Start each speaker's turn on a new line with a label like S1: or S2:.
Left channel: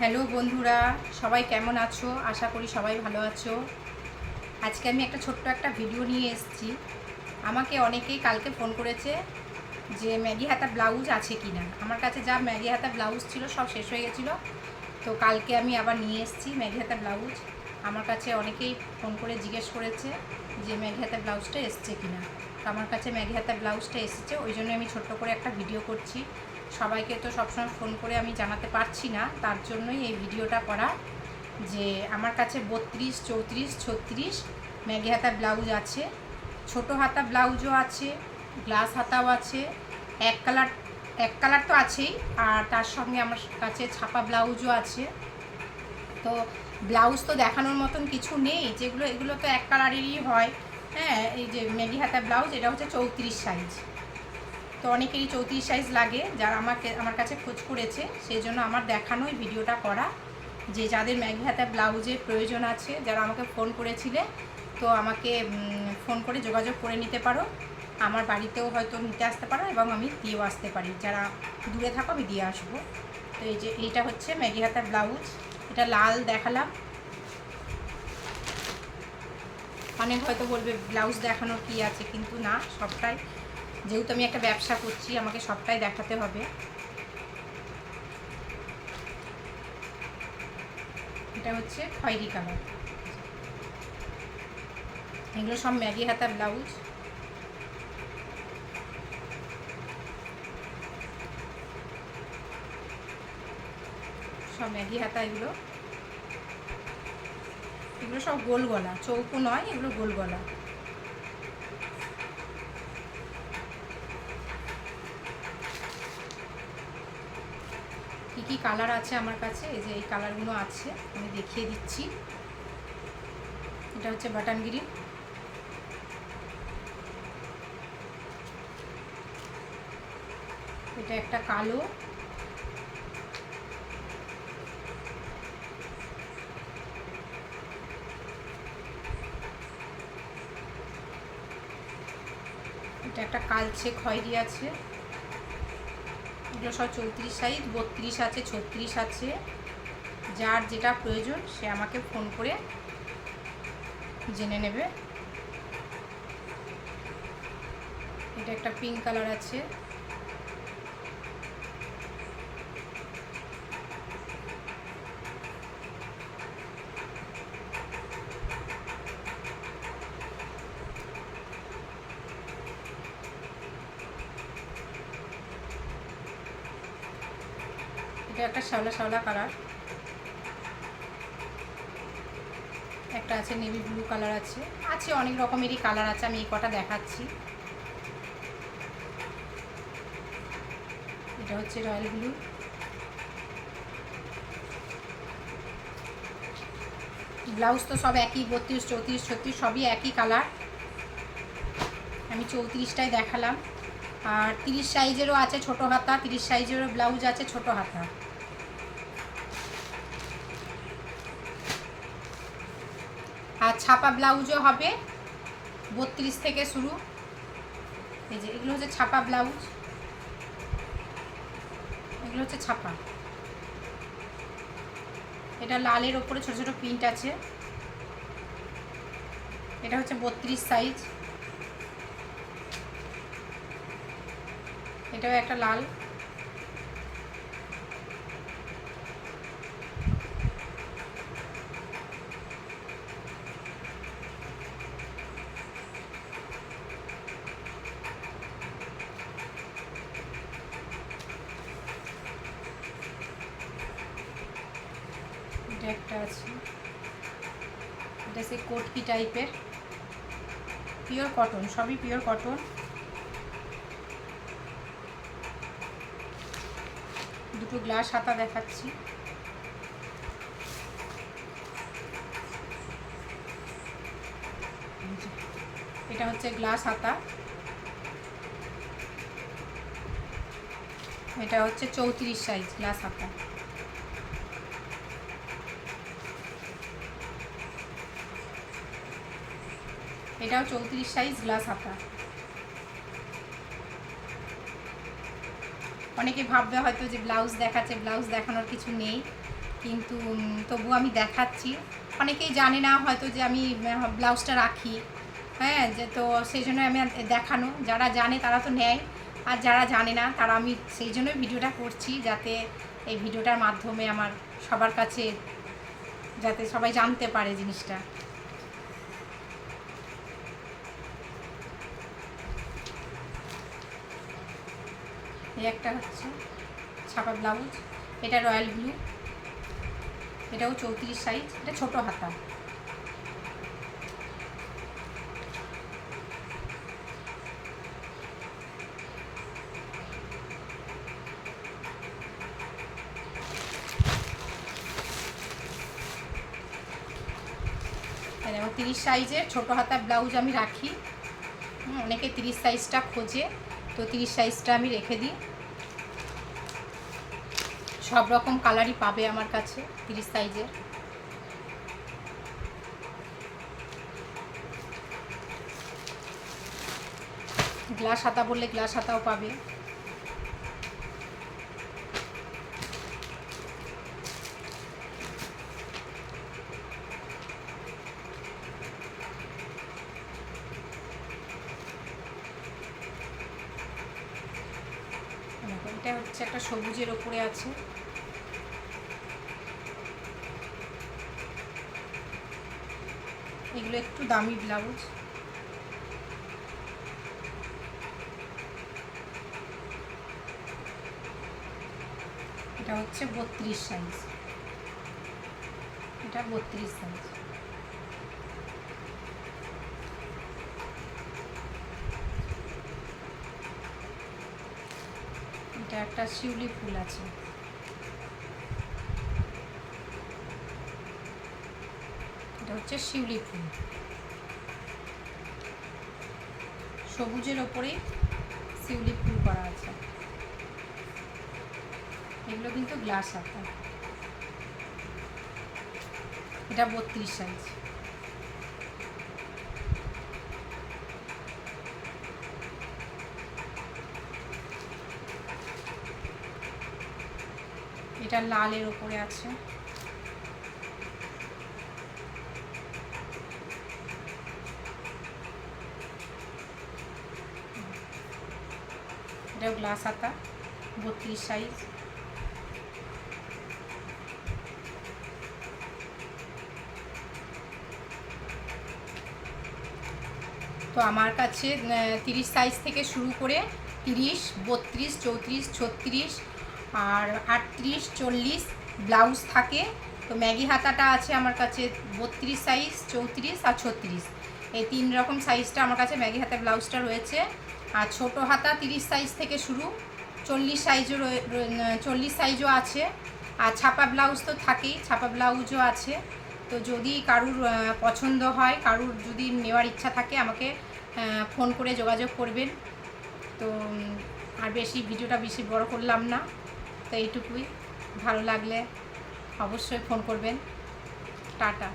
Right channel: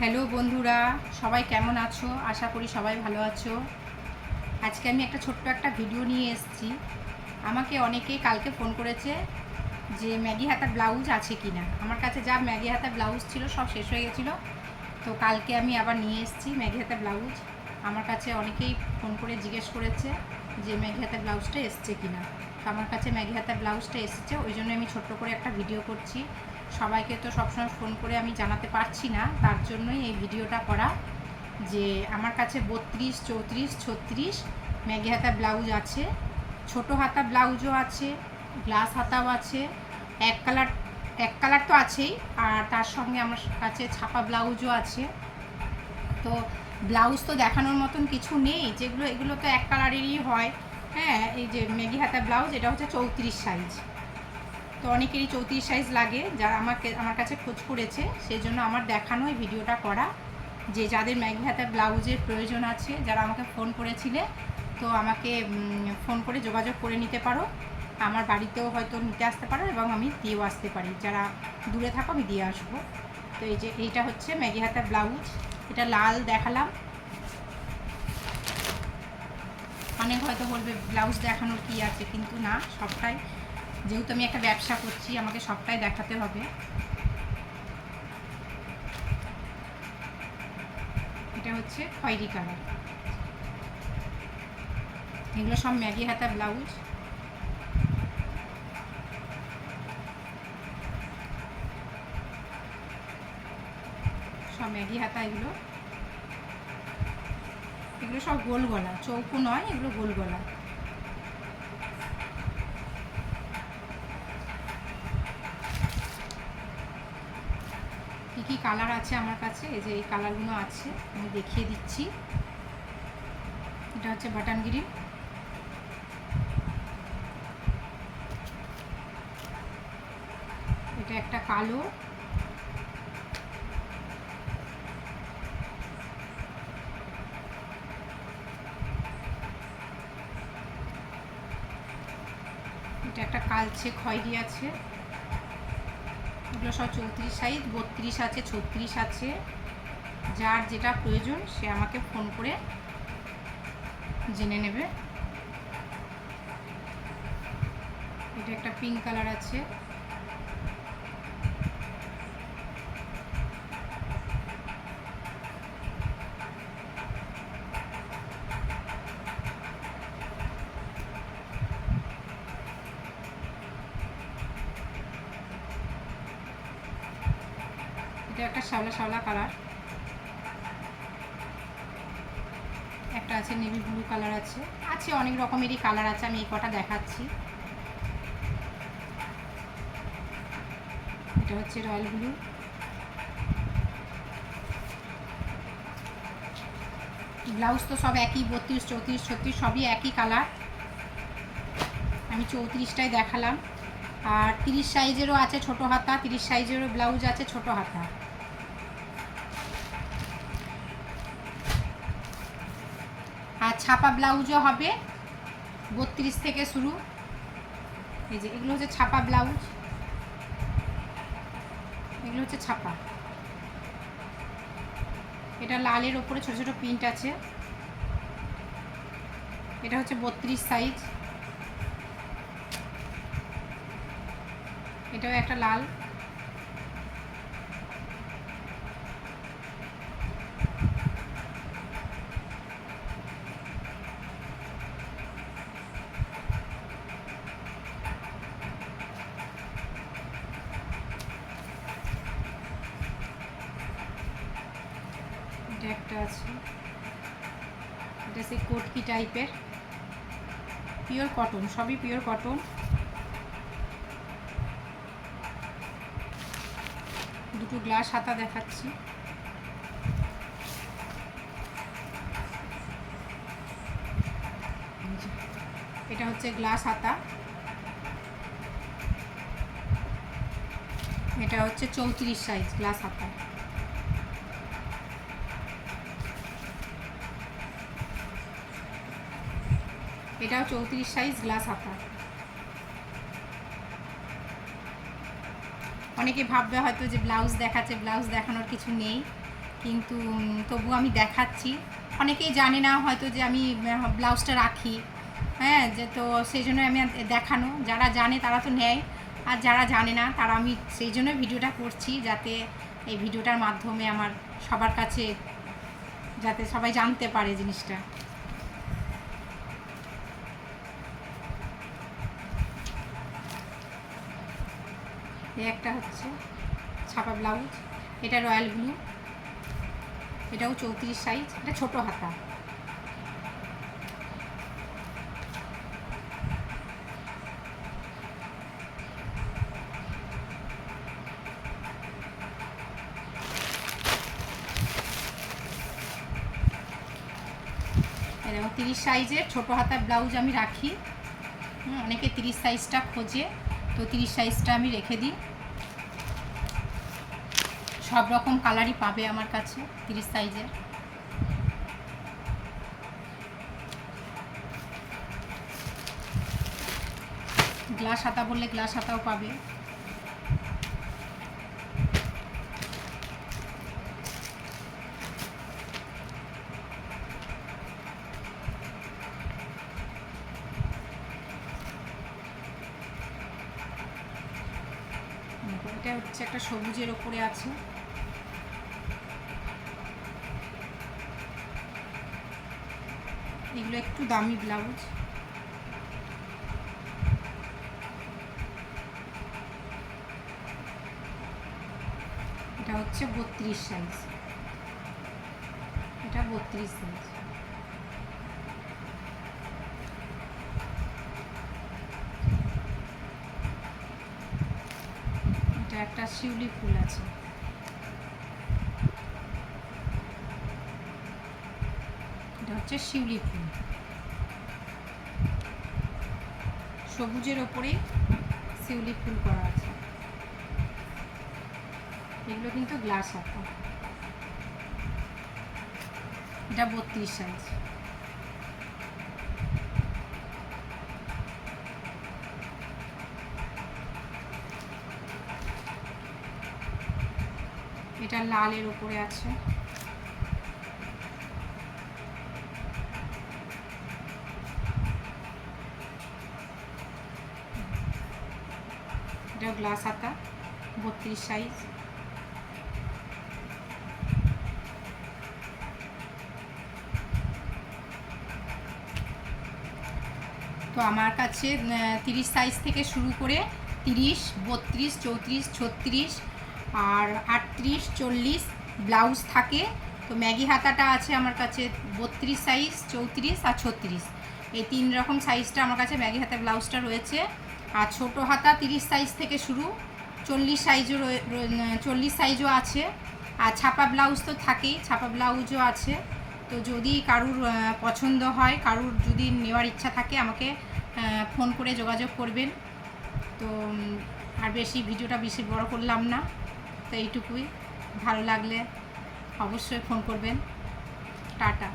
S1: Hello বন্ধুরা, সবাই কেমন আছো? আশা করি সবাই ভালো আছো। আজকে আমি একটা ছোট্ট একটা ভিডিও নিয়ে এসেছি। আমাকে অনেকেই কালকে ফোন করেছে যে, ম্যাগি হাতা ব্লাউজ আছে কি না আমার কাছে যা ম্যাগি হাতা ব্লাউজ ছিল সব শেষ হয়ে গেছিল। তো কালকে আমি আবার নিয়ে এসেছি ম্যাগি হাতা ব্লাউজ। আমার কাছে অনেকেই ফোন করে জিজ্ঞেস করেছে যে, ম্যাগি হাতা ব্লাউজটা এসছে কি না তো আমার কাছে ম্যাগি হাতা ব্লাউজটা এসেছে। ওই জন্য আমি ছোট্ট করে একটা ভিডিও করছি। সবাইকে তো সবসময় ফোন করে আমি জানাতে পারছি না। তার জন্যই এই ভিডিওটা করা যে আমার কাছে বত্রিশ, চৌত্রিশ, ছত্রিশ ম্যাগি হাতা ব্লাউজ আছে, ছোট হাতা ব্লাউজও আছে, গ্লাস হাতাও আছে, এক কালার এক কালার তো আছেই, আর তার সঙ্গে আমার কাছে ছাপা ব্লাউজও আছে। তো ব্লাউজ তো দেখানোর মতন কিছু নেই, যেগুলো, এগুলো তো এক কালারেরই হয়। হ্যাঁ এই যে মেগি হাতা ব্লাউজ, এটা হচ্ছে চৌত্রিশ সাইজ তো অনেকেরই চৌত্রিশ সাইজ লাগে, যারা আমাকে, আমার কাছে খোঁজ করেছে, সেই জন্য আমার দেখানোই ভিডিওটা করা। যে যাদের ম্যাগি হাতা ব্লাউজের প্রয়োজন আছে, যারা আমাকে ফোন করেছিলে, তো আমাকে ফোন করে যোগাযোগ করে নিতে পারো। আমার বাড়িতেও হয়তো নিতে আসতে পারো এবং আমি দিয়েও আসতে পারি। যারা দূরে থাকো, আমি দিয়ে আসব। তো এই যে, এইটা হচ্ছে ম্যাগি হাতা ব্লাউজ। এটা লাল দেখালাম। অনেক হয়তো বলবে, ব্লাউজ দেখানোর কি আছে, কিন্তু না, সবটাই যেহেতু আমি একটা ব্যবসা করছি, আমাকে সবটাই দেখাতে হবে। এটা হচ্ছে খয়েরি কালার। এগুলো সব ম্যাগি হাতা ব্লাউজ। সব ম্যাগি হাতা এগুলো। এগুলো সব গোল গলা, চৌকো নয়, এগুলো গোল গলা। কী কালার আছে আমার কাছে? এই যে এই কালারগুলো আছে, আমি দেখিয়ে দিচ্ছি। এটা হচ্ছে বাটান বাটানগিরি। এটা একটা কালো। এটা একটা কালচে খয়েরি আছে। সব চৌত্রিশ সাইজ, বত্রিশ আছে, ছত্রিশ আছে। যার যেটা প্রয়োজন, সে আমাকে ফোন করে জেনে নেবে। এটা একটা পিঙ্ক কালার আছে। এটা একটা শ্যাওলা শ্যাওলা কালার। একটা আছে নেভি ব্লু কালার আছে। আছে অনেক রকমেরই কালার আছে, আমি এই কটা দেখাচ্ছি। এটা হচ্ছে রয়্যাল ব্লু। ব্লাউজ তো সব একই, বত্রিশ, চৌত্রিশ, ছত্রিশ, সবই একই কালার। আমি চৌত্রিশটাই দেখালাম। আর তিরিশ সাইজেরও আছে ছোট হাতা, তিরিশ সাইজেরও ব্লাউজ আছে ছোট হাতা। আর ছাপা ব্লাউজও হবে। বত্রিশ থেকে শুরু। এই যে, এগুলো হচ্ছে ছাপা ব্লাউজ। এগুলো হচ্ছে ছাপা। এটা লালের ওপরে ছোট ছোট প্রিন্ট আছে। এটা হচ্ছে বত্রিশ সাইজ। এটাও একটা লাল এটা একটা আছে। এটা সেই কোটকি টাইপের। পিওর কটন সবই পিওর কটন দুটো গ্লাস হাতা দেখাচ্ছি। এটা হচ্ছে গ্লাস হাতা। এটা হচ্ছে চৌত্রিশ সাইজ গ্লাস হাতা। এটাও চৌত্রিশ সাইজ গ্লাস হাতা অনেকে ভাববে হয়তো যে ব্লাউজ দেখাচ্ছে ব্লাউজ দেখানোর কিছু নেই। কিন্তু তবু আমি দেখাচ্ছি। অনেকেই জানে না হয়তো যে আমি ব্লাউজটা রাখি। হ্যাঁ যে তো সেই জন্য আমি দেখানো। যারা জানে তারা তো নেয়। আর যারা জানে না, তারা আমি সেই জন্য ভিডিওটা করছি যাতে এই ভিডিওটার মাধ্যমে আমার সবার কাছে, যাতে সবাই জানতে পারে জিনিসটা। এই একটা হচ্ছে ছাপা ব্লাউজ। এটা রয়্যাল ব্লু। এটাও চৌত্রিশ সাইজ এটা ছোটো হাতা। তিরিশ সাইজের ছোটো হাতা ব্লাউজ আমি রাখি। অনেকে তিরিশ সাইজটা খোঁজে। তো তিরিশ সাইজটা আমি রেখে দিই। সব রকম কালারই পাবে আমার কাছে তিরিশ সাইজের গ্লাস হাতা বললে গ্লাস হাতাও পাবে। এটা হচ্ছে একটা সবুজের ওপরে আছে। এগুলো একটু দামি ব্লাউজ। এটা হচ্ছে বত্রিশ সাইজ। এটা বত্রিশ সাইজ এটা একটা শিউলি ফুল আছে। এটা হচ্ছে শিউলি ফুল। সবুজের ওপরে শিউলি ফুল করা আছে। এগুলো কিন্তু গ্লাস আঁকা এটা বত্রিশ সাইজ এটা লালের উপরে আছে। এটা গ্লাস হাতা বত্রিশ সাইজ তো আমার কাছে তিরিশ সাইজ থেকে শুরু করে তিরিশ, বত্রিশ, চৌত্রিশ, ছত্রিশ আর আটত্রিশ, চল্লিশ ব্লাউজ থাকে। তো ম্যাগি হাতাটা আছে আমার কাছে বত্রিশ সাইজ চৌত্রিশ আর ছত্রিশ। এই তিন রকম সাইজটা আমার কাছে ম্যাগি হাতার ব্লাউজটা রয়েছে। আর ছোটো হাতা তিরিশ সাইজ থেকে শুরু। চল্লিশ সাইজও চল্লিশ সাইজও আছে। আর ছাপা ব্লাউজ তো থাকেই, ছাপা ব্লাউজও আছে। তো যদি কারুর পছন্দ হয়, কারুর যদি নেওয়ার ইচ্ছা থাকে, আমাকে ফোন করে যোগাযোগ করবেন। তো আর বেশি, ভিডিওটা বেশি বড় করলাম না। তো এইটুকুই। ভালো লাগলে অবশ্যই ফোন করবেন। টাটা।